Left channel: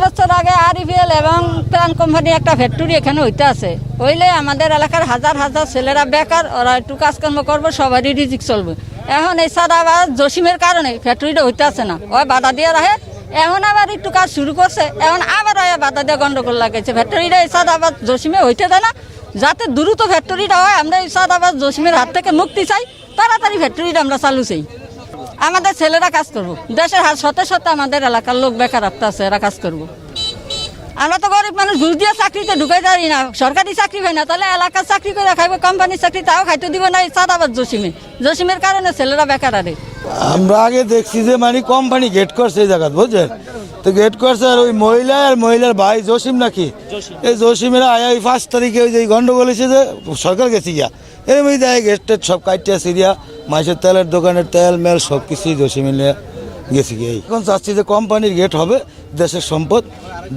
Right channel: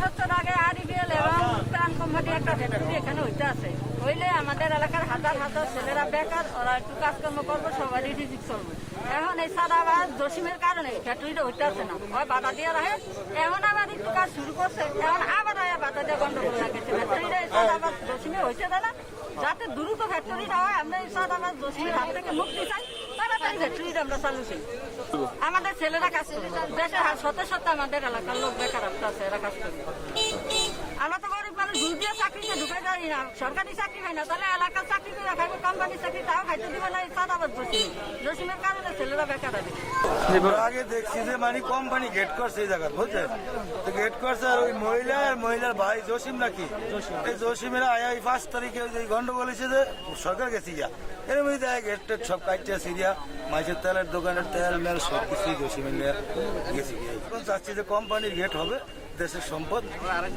বছর আগে আরইপিএল এবং প্রাণ কোম্পানি একটা ফ্যাক্টরি এখানে হইতে আছে। হইলে আমাদের এলাকার হাজার হাজার ছেলেরা বেকার, ওরা একটু কাজকর্ম করব, সবারই রিজিক চলবে। এখন এই সাদা আবার জসিমের কারণে ফ্যাক্টরিটা হইতে আছে না। ওই বাধা দিয়ে রাখে। এখন আবার একটু কাজ শুরু করছে। এখন আবার ওই বাধা দিয়ে গন্ডগোল লাগাইছে। ফ্যাক্টরিটা এই সাদা আবার জসিমে হইতে দেয় না। যাতে দ্রুত ফ্যাক্টরিটা হয়, আমরা এই সাদাবাদ জসিমের হাত থেকে মুক্তি চাই। তাড়াতাড়ি ফ্যাক্টরিটা আমরা চালু চাই। আমাদের ছেলেরা কাজ করব। দেশের হাত সতে সতে আমাদের এলাকার লোক বেকারত্ব আছে, এরা কাজ করব। আমরা তো গরিব মানুষ ঘুষ দিয়ে চাকরিতে ঢুকাই পারি না সরকারি চাকরি হয় না তাহলে এলাকার চাকরি করে খাইবো কোম্পানির চাকরি তাও খাইতে দিব না এই সাদাবাদ জসিমে। জসিমের কারণে ছেলেরা বেকার আরে। আমরা আগে দেখছি যে মানে কোম্পানি গেট করছে এই জায়গা বুঝছেন? তো গেট করছে আর ওই মহিলা আর মহিলার ভাই জসিম নাকি? এই জসিমের আয় ওই পাঁচ তারিখে ওই যে গন্ডগোল হয়েছে যে সরকার গেছি গিয়া। এর মধ্যে দেয় গেট সব কাটিয়ে সিরিয়া মাছের তেলের দোকানের তেল মেল সব কিছুই জসিমে নিয়ে গেছি গিয়ে। এখন চাচ্ছি যে কোম্পানির গেট হবে, দেশের সম্পদ,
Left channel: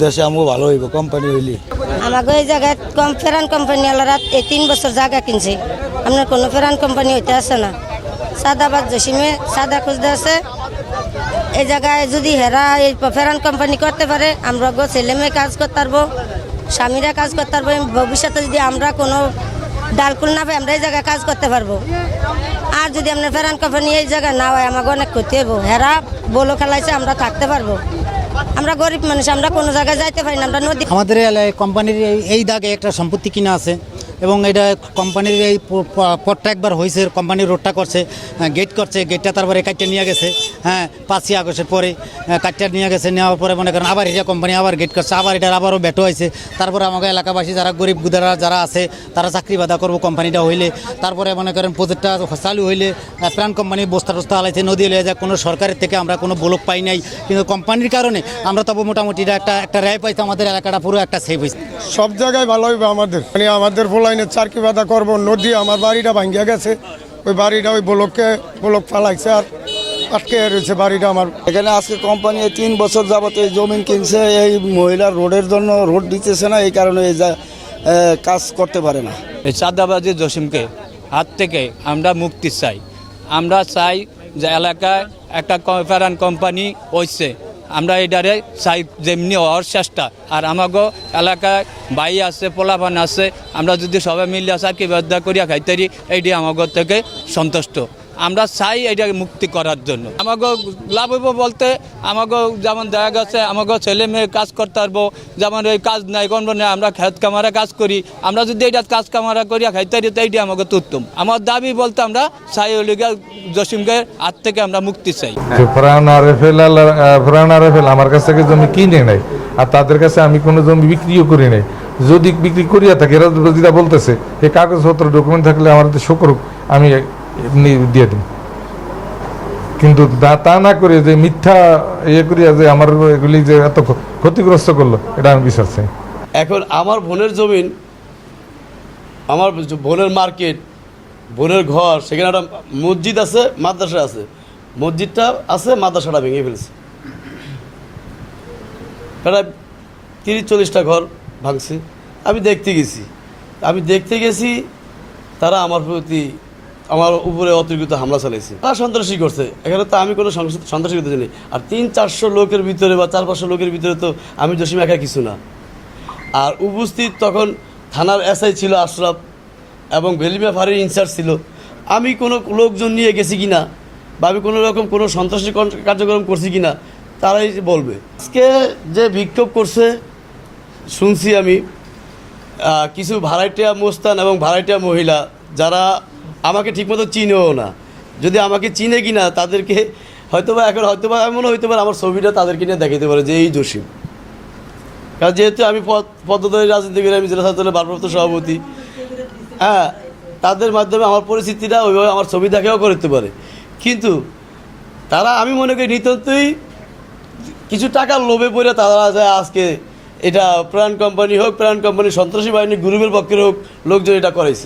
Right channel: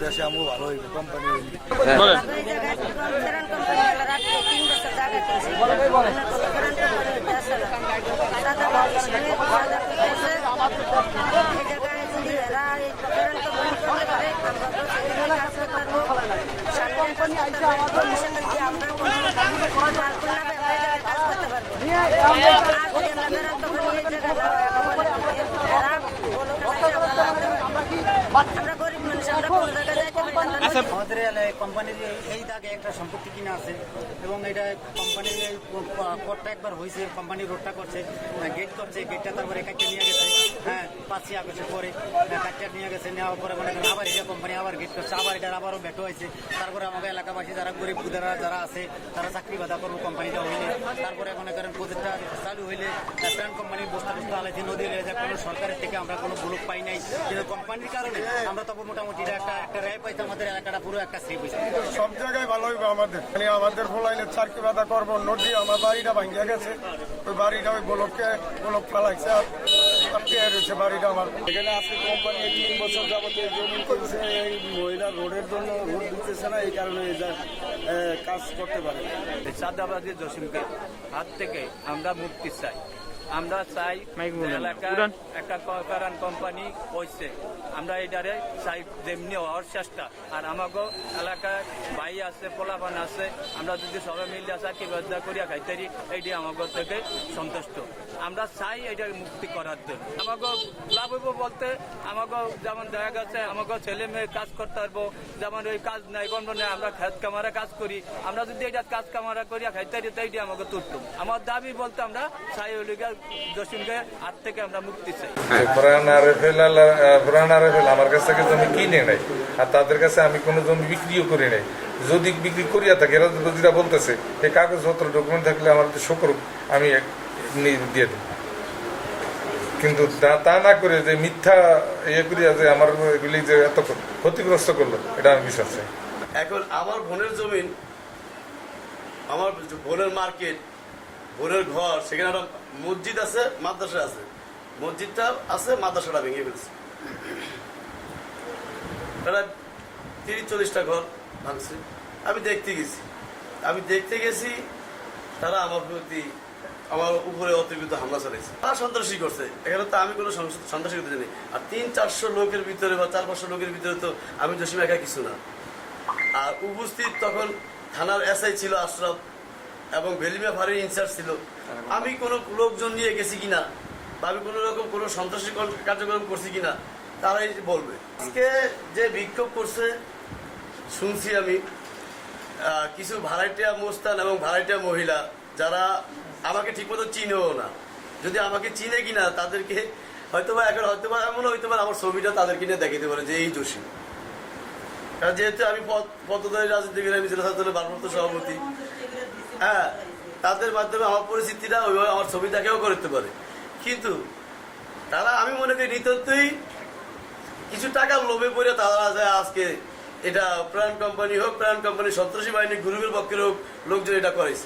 দেশে আমও ভালো হইব কোম্পানি হইলে আমাকে এই জায়গায় কম ফেরান কোম্পানি আলাদা এই তিন বছর জায়গা কিনছে। আপনার কোনো ফেরান কোম্পানি হইতে আসে না। সাদাবাদ জসিমে সাদা খুঁজতে আছে এই জায়গায় যদি হেরা এই ফেরান কোম্পানি করতে পারে আমরা গো ছেলে মেয়ে কাজ করতে পারব, স্বামীরা কাজ করতে পারব, ভবিষ্যতে যদি আমরা কোনো ডালকুল না পাই আমরা এই জায়গায় কাজ করতে পারব। আর যদি আপনার ফেরান কোম্পানি এই জায়গায় না হয়, আমাকে অনেক ক্ষতি হব হেরা বলো খেলাইছে, আমরা থাকতে পারব। আমরা গরিব মানুষ, আমরা কোনো জায়গায় যাইতে পারি না, আমরা নদী আমাদের কোম্পানির এই দাগে একটা সম্পত্তি কিনা আছে। এবং এটা কোম্পানির এই প- প- পথটা একবার হয়েছে কোম্পানির রোডটা করছে গেট করছে গেটটা তারপরে কাটটা নিয়ে গেছে হ্যাঁ পাঁচই আগস্টের পরে কাটটা নিয়ে গেছে, নেওয়ার পরে মনে করেন আবার এটা কোম্পানি আবার গেট করছে, আবার এটার আবারও বেটো হয়েছে তারপরে আমাকে এলাকাবাসী যারা গরিব গুদারা যারা আছে, তারা চাকরি বাধা করব কোম্পানিটা হইলে। তারপরে মনে করেন প্রজেক্টটা চালু হইলে প্রাণ কোম্পানি বস্তা টস্তা হালাইছে নদী হলে যায়, কোনো সরকারের থেকে আমরা কোনো ব্লক পাই নাই। কিন্তু কোম্পানির কারণে আমরা তবু মোটামুটি একটা একটা র্যায় পাইতে আমাদের এলাকাটা পুরো একটা সেভ হয়েছে সব জায়গায় ভালো হইবে আমাদের। মানে আমাদের ফলাইনে চারকি বাধা করব নদী আমার বাড়িটা ভাঙ্গিয়া গেছে। ওই বাড়িটা ওই ব্লককে ব্লক ফালাইছে আর আটকে রয়েছে বাড়িটা আমার। এখানে আজকে কোম্পানি তিন বছর যাবত এই জমিন কিনছে এই মহিলার রোডের জন্য রোড দিতেছে না এই কারণে এই যা- কাজ করতে পারে না। এই চাঁদাবাজি জসিমকে হাত থেকে আমরা মুক্তি চাই। আমরা চাই যে এলাকায় একটা ফেরান কোম্পানি হয়েছে আমরা এটারে চাই যেমনি হওয়ার চেষ্টা। আর আমাকে এলাকায় বাই আছে, পোলাপান আছে, আমরা যদি সবাই মিলিয়ে চাকরি বাধ্যা করিয়া খাইতারি, এইটি আমাকে থেকে সন্তুষ্ট। আমরা চাই এটা মুক্তি করার জন্য। আমাকে লাভ হইব বলতে আমাগো যেমন দেখা গেছে আমাগো ছেলে মেয়ে কাজ করতে পারব, যেমন এই কাজ নাই, কোন না আমরা খেত কামারা কাজ করি। আমরা যদি এটা কাজ কামারা করিয়া খাইতে পারি তো এইটি আমাকে উত্তম। আমার দাবি বলতে আমরা চাই ওলিগা জসিমকে হাত থেকে আমরা মুক্তি চাই। আরএফএল আমার কাছ থেকে জমি কিনে নেয় আর তাদের কাছে আমি কোনো জমি বিক্রিও করি নাই। যদি বিক্রি করিয়া থাকে, এরা যেটা বলতেছে এই কাগজপত্র ডকুমেন্ট থাকলে আমার শো করুক আমি এমনি দিয়ে কিন্তু তা- না করে যে মিথ্যা ইয়ে করিয়া যে আমার এগুলি যে এত ক্ষতিগ্রস্ত করল, এটা আমি বিশ্বাস চাই এখন আমার বোনের জমিন, আমার বোনের মার্কেট, বোনের ঘর, সেখানে একটা মসজিদ আছে, মাদ্রাসা আছে। মসজিদটা আছে, মাদ্রাসাটা ভেঙে ফেলছে। প্রায় তিরিশ, চল্লিশটা ঘর ভাঙছে। আমি দেখতে গেছি। আমি দেখতে গেছি, তারা আমার প্রতি আমার উপরে অতিরিক্ত হামলা চালাইছে। তারা সন্ত্রাসী করছে। এখানে তো আমি কোনো সন্ত্রাসী করতে জানি আর তিন চারশো লোকের ভিতরে বা চার পাঁচশো লোকের ভিতরে তো আমি জসিম একা কিছু না। আর উপস্থিত তখন থানার এসআই ছিল আশরাফ এবং বেলিমা ফাঁড়ির ইনচার্জ ছিল। আমি কোনো লোকজন নিয়ে গেছি কিনা বা আমি কোনো রকম কোনো সন্ত্রাসী কার্যক্রম করছি কি না তারাই বলবে। আজকে যে বিক্ষোভ করছে, শুনছি আমি কিছু ভাড়াটিয়া মোস্তান এবং ভাড়াটিয়া মহিলা, যারা আমাকে ঠিকমতো চিনেও না। যদি আমাকে চিনে কিনা, তাদেরকে হয়তো বা এখন হয়তো বা এমনও হইতে পারে, আমার ছবিটা তাদেরকে নিয়ে দেখাতে পারে যে এই জসিম কারণ যেহেতু আমি পদ পদ্মদলী রাজনীতি করে আমি জেলা ছাত্রের ভারপ্রাপ্ত সভাপতি হ্যাঁ তাদের মাধ্যমে আমার পরিস্থিতিটা ওইভাবে আমার ছবি দেখাও করতে পারে। কিন্তু তারা আমি মনে করি নিতান্তই কিছু টাকার লোভে পড়ে তারা যায় আজকে এটা প্রাণ কোম্পানি হোক, প্রাণ কোম্পানি সন্ত্রাসী বাহিনী, গ্রুপের পক্ষের হোক, লোকজন এটা করাইছে।